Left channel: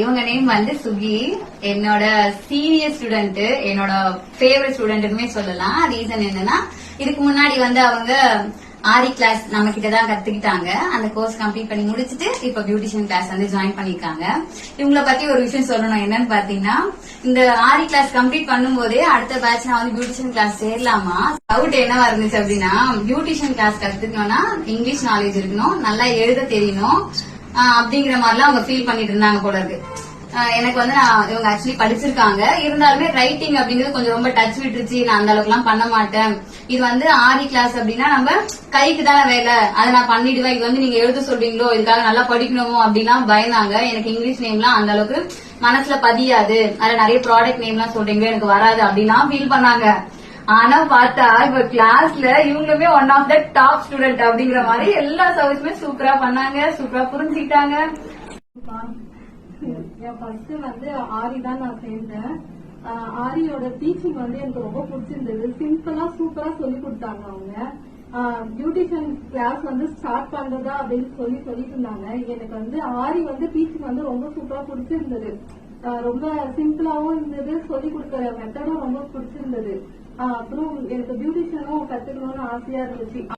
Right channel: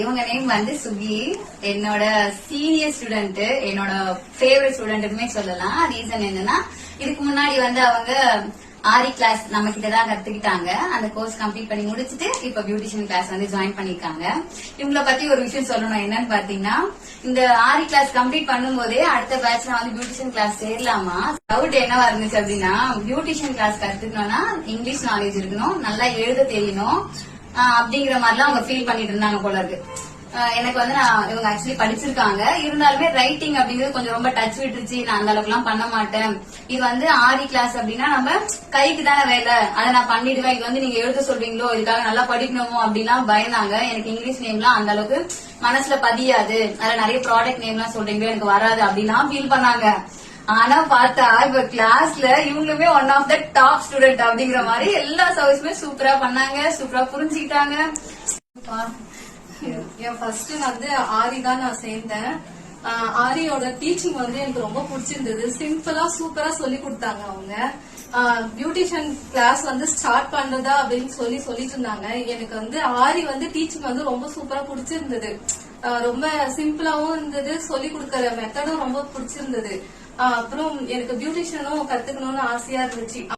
இவங்க நேம் வந்து சுகி. என்னோட சீனியர் ஸ்டூடெண்ட், என்னோட ஃபேவரட் ஸ்டூடெண்ட்டுமே சொல்லலாம். ரீசன் என்னன்னா, இதுக்கு முன்னாடி வந்து அவங்க ஆரி கிளாஸ் நம்ம கிட்டதான் கத்துக்கிட்டாங்க. அந்த கோர்ஸ் கம்ப்ளீட் பண்ணி முடிச்சுட்டு இப்ப பியூட்டிஷியன் கிளாஸ் வந்து ஜாயின் பண்ணிருக்காங்க. இவங்களை பத்தி ஒரு விஷயம் சொல்லணும். என்னன்னு பாத்தீங்கன்னா, இந்த ஆரி கிளாஸ் கம்ப்ளீட் பண்ணும்போதே அடுத்த பேட்ச் நான் வந்து பியூட்டிஷியன் கிளாஸ் சேரலாமா டவுட் என்னவா இருந்துச்சு அப்படின்னா, பியூட்டிஷியன் கிளாஸ் கத்துக்கணும்னா இங்கிலீஷ் நாலேஜ் இருக்கணும், நல்லா எழுத தெரியணும் அப்படிங்கிற மாதிரிலாம் அவங்க ஃபீல் பண்ணிட்டு இருந்தாங்க போல இருக்கு. எனக்கு வந்து இவங்க ஆக்சுவலி படிச்சிருக்காங்க, இருந்தாலுமே ரைட்டிங் அப்படிங்கிறது கொஞ்சம் ரொம்ப டச் விட்டுருச்சு. நான் அந்த அளவுக்கு எல்லாம் பண்ண மாட்டேன். இது வந்து ஆரி கிளாஸ் அப்படின்னா நம்ம கைக்கு தான் வேலை, அதை நான் பண்ணிடுவேன். இது வந்து நீங்க எழுத சொல்றீங்களோ, இதுக்காக நல்லா படிக்கணுமோ அப்படிலாம் பயந்தாங்க. எனக்கு இங்கிலீஷ் நேம்லாம் அந்த அளவுக்கு மனசுல பதியாது, அதுல நிறைய ப்ராடக்ட் நேம் எல்லாம் சொல்றீங்களோ எனக்கு வராது அப்படிலாம் ஃபீல் பண்ணாங்க. ஆனா பார்த்தா இப்ப கிளாஸ்ல இவங்களுமே one of the top student அப்படிங்கிற மாதிரி எல்லா சர்வீஸுமே சூப்பரா பண்ணாங்க, சூப்பரா புரிஞ்சுக்கிட்டாங்க. என் ஃபர்ஸ்ட் வந்து ஆரி தான் நான் சேர்ந்தேன். ஆரியோட டீச்சிங் வந்து எனக்கு ரொம்ப பிடிச்சிருந்தது. சிம்பிளா சூப்பரா சொல்லி கொடுத்தாங்க அவங்க. பியூட்டிஷியன் கிளாஸ் வந்து ஸ்டார்ட் பண்றதா அப்படின்னு சொல்லிட்டு இருந்தாங்க. எனக்கு வந்து ஆரி வந்து டீச்சிங் வந்து ரொம்ப சூப்பரா பிடிச்சிருந்தது. ரொம்ப சிம்பிளாவும் இருந்தது, சொல்லி கொடுக்கற மெத்தடும் ரொம்ப பிடிச்சிருந்தது. அப்புறம் எனக்கு பியூட்டிஷியனும் கத்துக்கணும்னு ஆசையா இருந்துச்சு.